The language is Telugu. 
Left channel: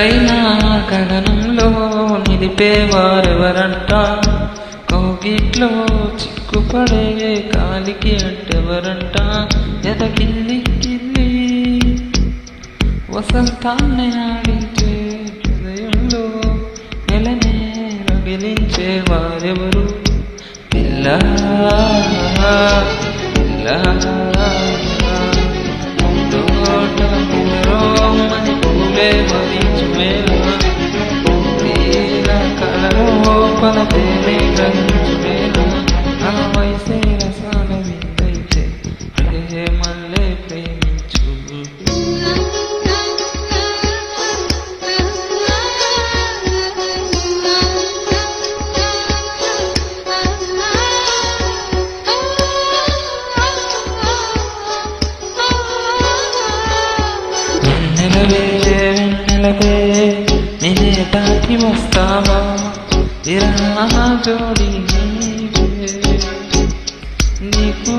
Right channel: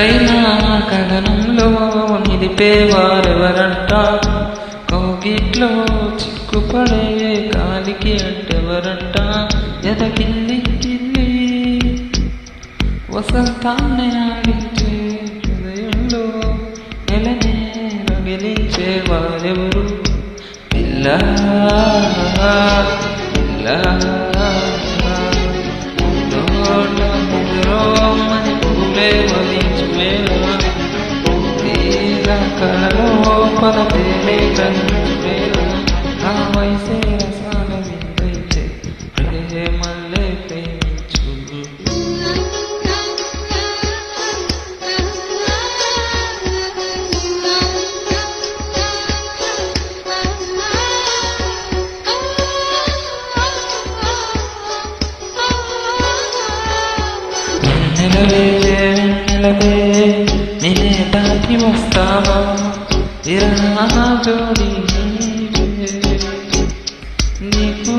ఎత్తైన గగనంలో నిలిపేవారెవరంట, కౌగిట్లో చిక్కుపడే కాలికి అంటెవరంట, ఎదకిల్లి కిల్లి వసంతాన్ని ఆడించే హృదయంలో నెలనే రగిలించే వారెవరు? పిల్ల పిల్ల ముందోట నిద్రోమని పూలే వరించు వేళ, తీర కలలోపల తేనే గ్రహించు వేళ, ఆ వయసే రసాల విందైతే ప్రేమల్లే ప్రేమించు. వెన్నెలవే వెన్నెలవే నేనే దాటి వస్తావా, విరహ జోడి నీవే, నీకు